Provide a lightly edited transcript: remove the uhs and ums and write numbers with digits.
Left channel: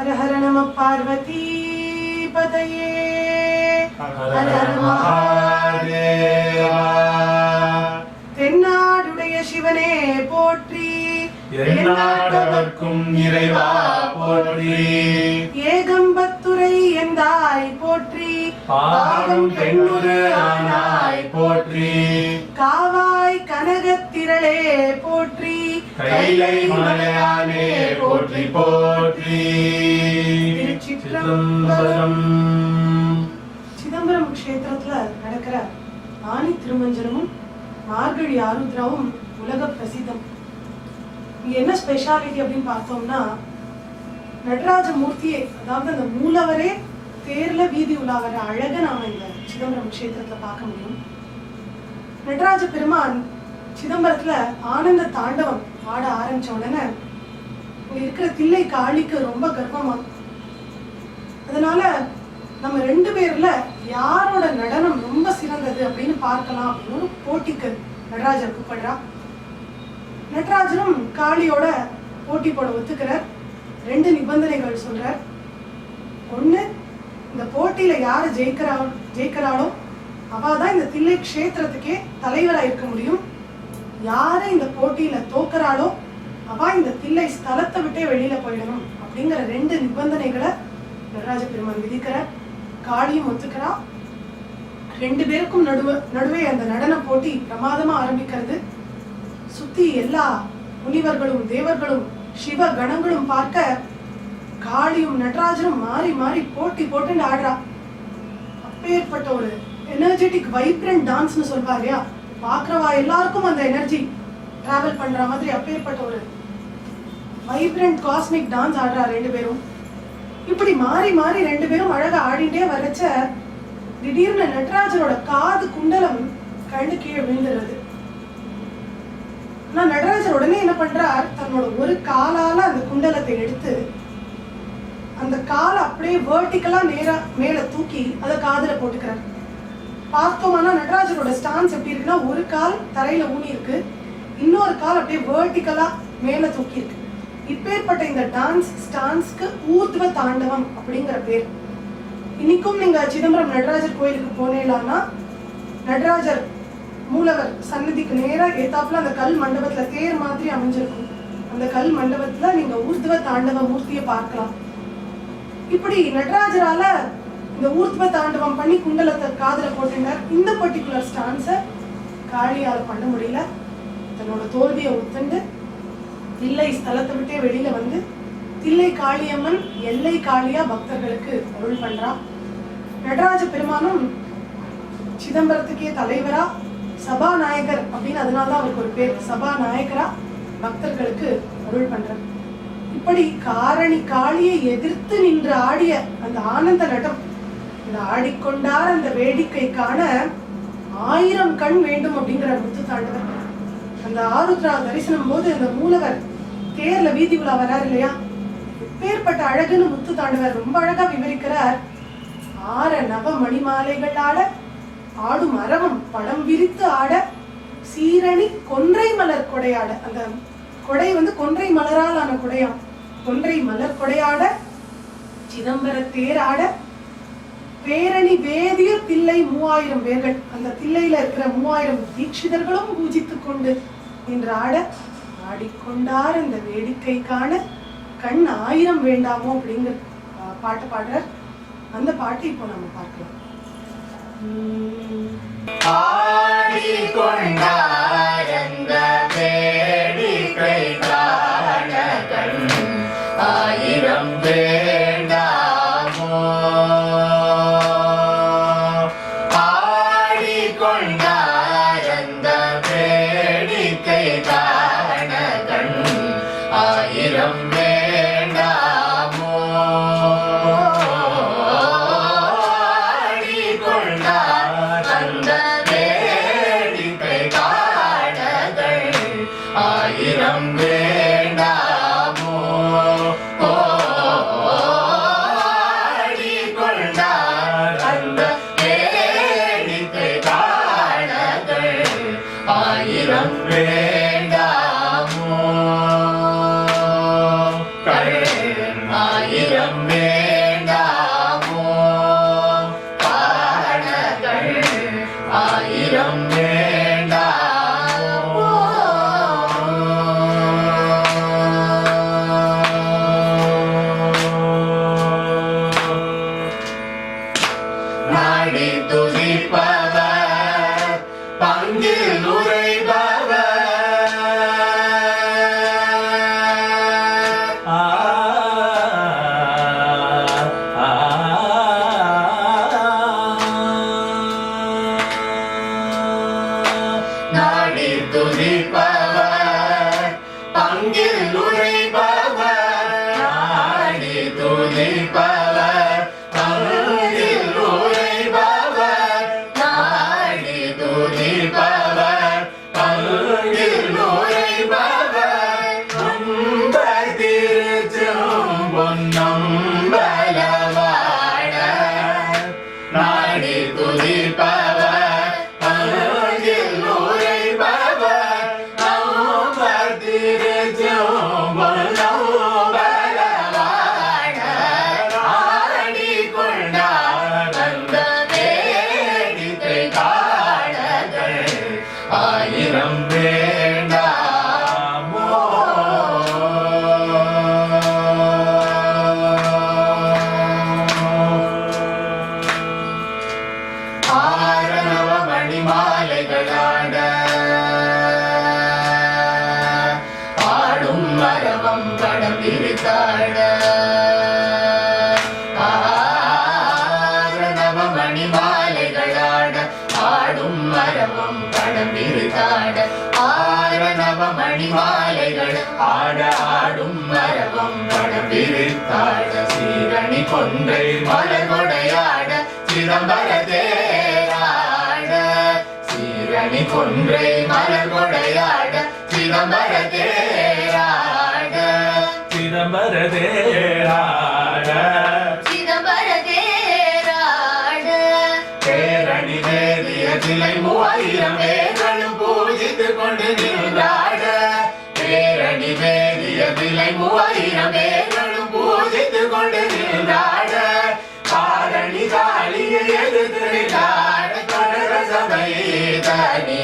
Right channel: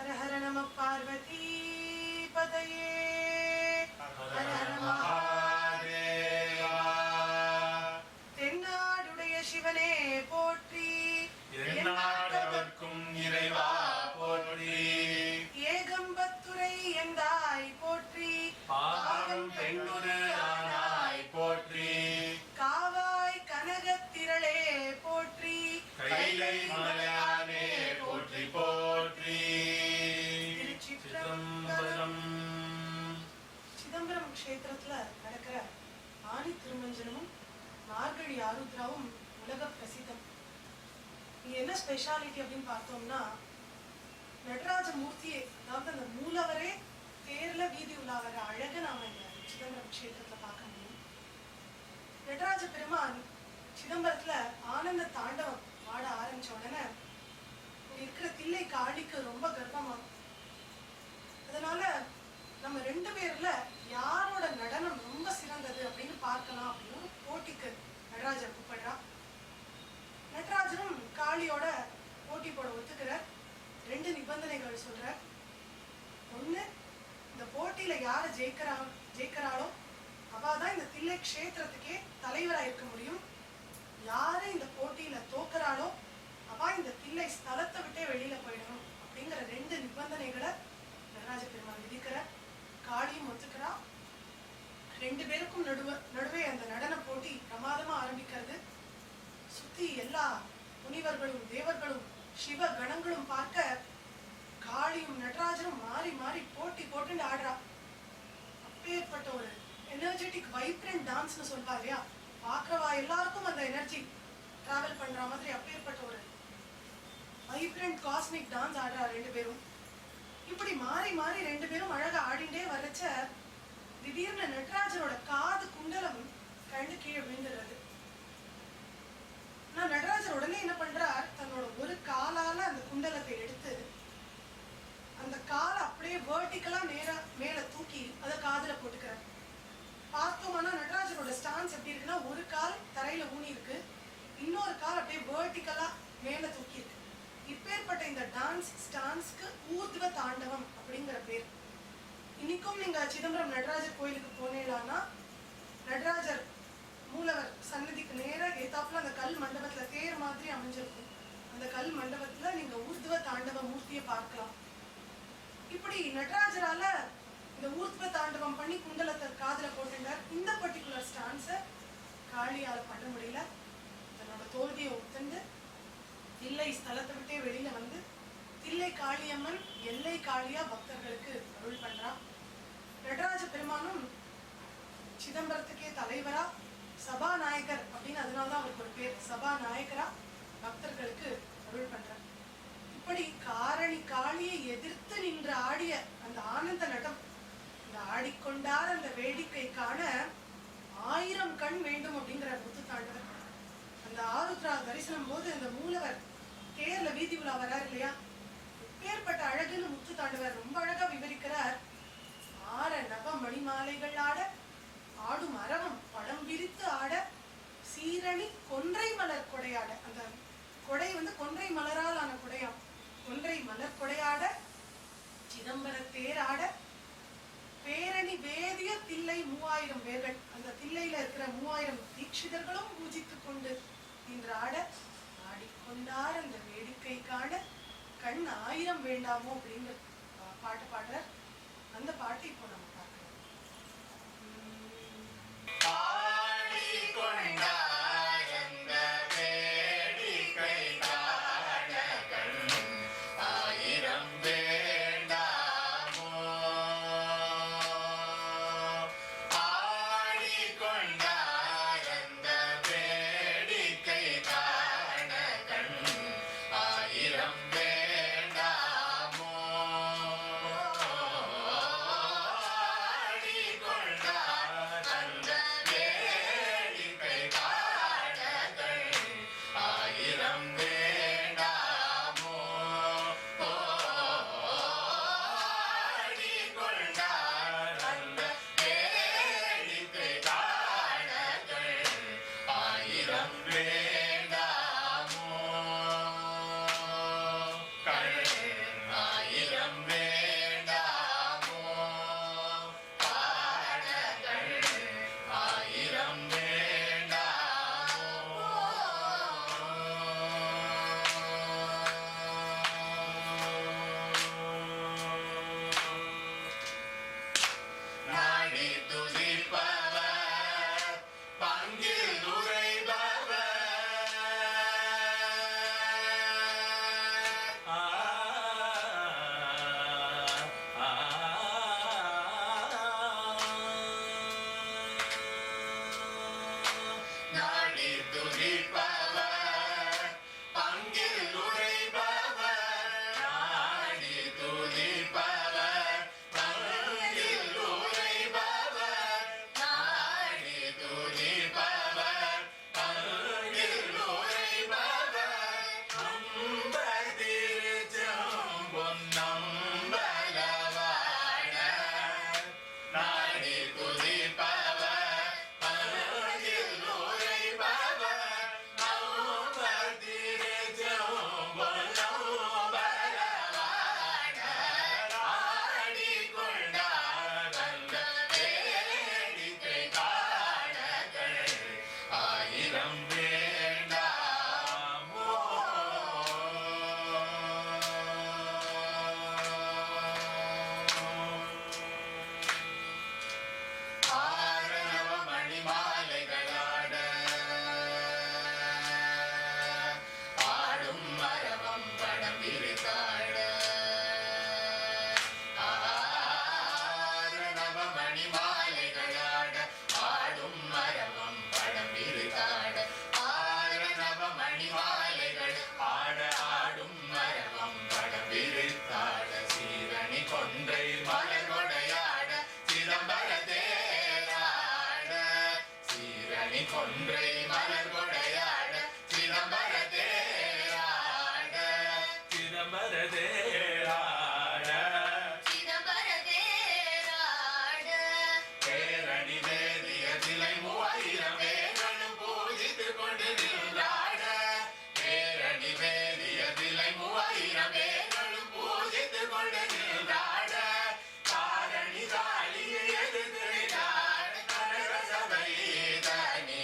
हर हर नमः पार्वती पतये हर हर महादेवा தென்னாடுடைய சிவனே போற்றி எந்நாட்டவர்க்கும் இறைவா போற்றி ஏகம்பத்துரை எந்தாய் போற்றி பாகம் பெண்ணுரு ஆனாய் போற்றி காவாய் கனகத்திரளே போற்றி கைலை மலையானே போற்றி போற்றி சிதம்பரம் க்ஷேத்திரத்துல நடக்கிற ஆனி திருமஞ்சனமும் மார்கழி ஆருத்ராவும் உலக பிரசித்தம். இங்க என்ன ஸ்பெஷாலிட்டி அப்படின்னு பார்த்தோம்னா, நடராஜ மூர்த்தியே, அதாவது அந்த மூலவரே தேர்ல வீதி உலாவர அழக நாம இந்த சிதம்பரம் க்ஷேத்திரத்துல பார்க்க முடியும். நடராஜ பெருமான் சிதம்பரத்துல ஆனந்த தாண்டவம் ஆட ஆரம்பிச்ச உடனே இங்க இருக்கிற தில்லை காளிக்கு ரொம்ப கர்வமா. அதனால நம்ம ரெண்டு பேர்ல யாரோட நடனம் ரொம்ப சிறந்தது அப்படின்னு பார்க்கலாம் அப்படின்னு ஒரு போட்டிக்கு நடராஜர் கூப்பிடுறா. நடராஜரும் காளியோட போட்டி போட ஒத்துக்கிறார். ரெண்டு நிபந்தனைகள் சொல்றார். ஒண்ணு, இந்த போட்டியில யாரு ஜெயிக்கிறாளோ அவதான் இந்த தில்லை க்ஷேத்திரத்துக்கே தலைவரா இருக்க முடியும். யாரு இந்த போட்டியில தோக்குறாளோ அவ இந்த தில்லை ஸ்தலத்தை விட்டே வெளியில போயிடணும் அப்படிங்கிற ரெண்டு நிபந்தனைகளை நடராஜ பெருமான் விதிக்கிறார். காளியும் ஒத்துக்கிறா. ரெண்டு பேருக்கும் நடுவே அந்த நடன போட்டி பிரமாதமா ஆரம்பிக்கிறது. சுத்தி எல்லா முனிவர்களும் தேவர்களும் சிவ கணங்களும் பார்க்க காளியும் நடராஜரும் மாறி மாறி போட்டி போட்டு ஆடுறா. அப்பேற்பட்ட ஒரு எனர்ஜெட்டிக் வைப்ரண்ட் டான்ஸ்னு சொல்வா இல்லையா, பாக்குறவா எல்லாருக்கும் அந்த எனர்ஜி டிராவல் பண்ற மாதிரி அப்பேற்பட்ட ஒரு வைப்ரண்ட் காஸ்மிக் டான்ஸ் ஆடுறா ரெண்டு பேரும். இப்படி மாறி மாறி ரெண்டு பேரும் அழகா ஆடிட்டே வரச்ச திடீர்னு நடராஜரோட காது குண்டலம் கண்டு கீழே விழுந்துடுறது. ஆனா நடராஜர் உடனே என்ன பண்றார், தன்னோட ஒரு காலால அந்த குண்டலத்தை எடுத்து அந்த காலை அப்படியே வெர்டிகலா நேரா மேல தூக்கி அதை காதுல போட்டுக்கிறார். பார்த்தோம்னா நடராஜரோட ஸ்டான்ஸ் எப்படி இருக்குன்னா, ஒரு கால் தரையில ஊனி இருக்கு, இன்னொரு கால் அப்படியே வெர்டிகலா மேல தூக்கி இருக்கு. இப்பேற்பட்ட இந்த டான்ஸ் ஸ்டான்ஸ்க்கு ஊர்த்வ தாண்டவம் அப்படிங்கிற பேர். இன்னைக்கும் நீங்க சிதம்பரம் நடராஜர் கோயிலுக்கு போனேன்னா நடராஜர் மூலவர் சன்னதிக்கு நேரா ஏத்தாப்புல அந்த கல் மண்டபத்துல தேர் மாதிரி அமைஞ்சிருக்கும். அந்த கல் மண்டபத்துல நீங்க ஊர்த்வ தாண்டவ மூர்த்தியை பார்க்கலாம். இப்படி நடராஜரால இந்த ஊர்த்வ தாண்டவம் பண்ணி குண்டலத்தை காதுல போட்டுட்டார். இந்த பர்டிகுலர் ஸ்டான்ஸ காளியால பண்ண முடியல. தன்னோட தோல்வியை ஒத்துண்டு தில்லை ஸ்தலத்தை விட்டே வெளியில வந்து தில்லை காளியம்மன் எல்லை காளியா பக்தர்களுக்கு அருள் பண்றா. நடராஜ பெருமானும் சிதம்பரத்துக்கே தலைவரா, சபாநாயகர் அப்படின்னு அதனாலதான் அவருக்கு ஒரு பேர், சபாநாயகரா பக்தர்களுக்கு அருள் பண்றார். இப்படி காரணி காளியை எதிர்த்து நின்று ஆடிய அந்த ஆனந்த நடம், இந்த ஆடிக்கொண்டார் அந்த வேடிக்கை காண 1000 கண் வேண்டும் அப்படிங்கிற முத்து தாண்டவர். அந்த ஆருத்ரா தரிசனம் போது அந்த மூலவர் தேர்ல வீதி உலா வராரு இல்லையா, எப்பேற்பட்ட அழகுன்னு முத்து தாண்டவர் ரொம்ப அழகா விவரிக்கிறார். 6 நவ மணிமாலைகள் ஆட, ஆடும் அரவம் படம் விரித்து ஆட, சீரணி கொன்றை மலர் கொடையாட, அந்த கொடை வந்து கொன்றை மலரால் ஆன கொடையாம், கொன்றை மலர் கொடையாட, சிதம்பர தேர் ஆட, பேரணி வேதிய தில்லை 3000 பேர்கள், அந்த தில்லையில இருக்கிற 3000 தீட்சிதர்களும் பூஜித்துக் கொண்டு நின்று ஆட, ஆடிக்கொண்டார் இந்த வேடிக்கை காண கண் 1000 வேண்டாமோ அப்படிங்கிற பாட்டு பாடுறார். அந்த பாட்டை இப்போ நம்ம பார்க்கலாம். ஆடிக்கொண்டார் இந்த வேடிக்கை காண கண் 1000 வேண்டாமோ, ஆடிக்கொண்டார் அந்த வேடிக்கை காண கண் 1000 வேண்டாமோ, ஆடிக்கொண்டார் அந்த வேடிக்கை காண கண் 1000 வேண்டாமோ, ஆடிக்கொண்டார் அந்த வேடிக்கை காண கண் 1000 வேண்டாமோ, கண் 1000 ஆயிரம் வேண்டாமோ ஆரணவ மணிமாலைகளாட ஆடும் மரவம் படம் விரித்தாட ஆரணவ மணிமாலைகளாட ஆடும் மரவம் படம் விரித்தாட ஆரணவ மணிமாலைகள் ஆட ஆடும் மரவம் படம் விரித்தாட சீரணி கொன்றை மலர்கொடையாட சிதம்பர தேராட சீரணி கொன்றை மலர்கொடையாட சிதம்பர தேராட சிதம்பர தேராட சிதம்பர தேராட பேரணி வேதிய சிலை 3000 பேர்களும் பூஜித்துக் கொண்டு நின்றாட பேரணி வேதிய சிலை 3000 பேர்களும் பூஜித்துக் கொண்டு நின்றாட காரணி காளியை எதிர்த்து நின்றாட தொடர சபை தனி